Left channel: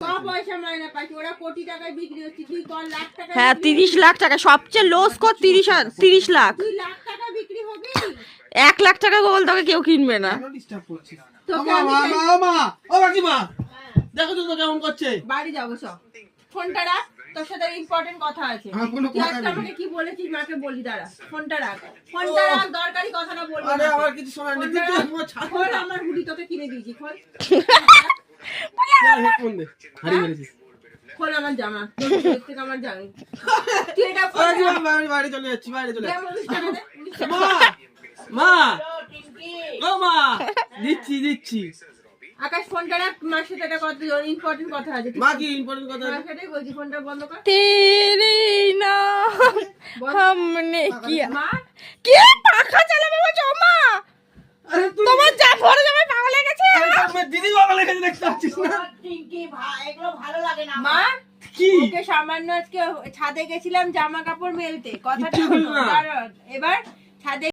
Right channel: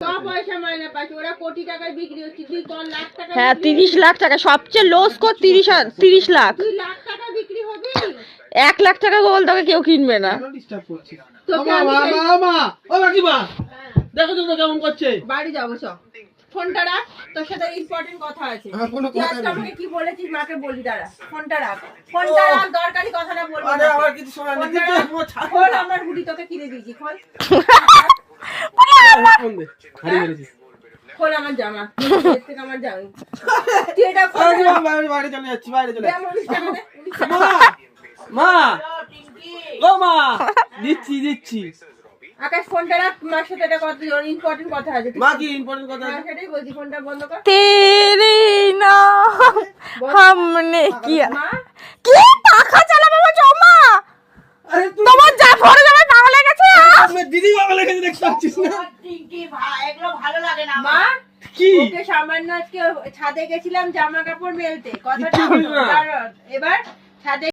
পয়সা মাইনে পাচ্ছি, ওরা কোটি টাকায় বিক্রি হচ্ছে, তুই কোন লাখ টাকা? হ্যাঁ 30 লাখ টাকা, সবচেয়ে লো স্কোর 30 লাখ। 2 লাখ টাকা বিক্রি হবে? 1 লাখ টাকা গোল তোকে কেউ কিনবে না। তোকে দেখো তো কেমন করছে। বাড়ি যাবো সব, ফোনটা রাখ, তোর সাথে ইম্পর্টেন্ট কথা আছে। তুই আজকে আমাকে কি বলেছিস মাকে বলি, দাঁড়া ফোনটা রাখ, ফোনটা রাখ, দরকারি কথাটা বলবি। আরে আমার কিছু শোনা নেই, তুই তো আমার ছাড়। খোল, আমার হুডি তোকে কিনে দিয়েছি, খোল। ফোন দে, হারিয়ে গেছিস। খোল আমার জামা, এর থেকে আমার জামা তুই এটা খোল। আরে বাড়ি চলে যাচ্ছি, বাইরে চলে দে যাচ্ছি। আমার 19 টাকা দে, 19 টাকা। মা ও মা, দিচ্ছি। আকাশ ফোনটা রাখ, মার সাথে একটা কথা, ইম্পর্টেন্ট কথা আছে। মা কি ইম্পর্টেন্ট কথা? মার সাথেই বলছি, ফোনটা বন্ধ কর। তেরে নাম हमने किया। মা কি টাকা চালাবে আমার জমা? আরে তুই তোমার যা পড়ে যাবে পাগল হয়ে গেছে। আমার দিদি বাবা লেগে দেখতে পাচ্ছিস না? মা কি ওকে সামান্য আজকে ছাদে গেছিলাম জামা কাপড় মেলতে, কথাটা কিচ্ছু বলিস না। এবার ছাদে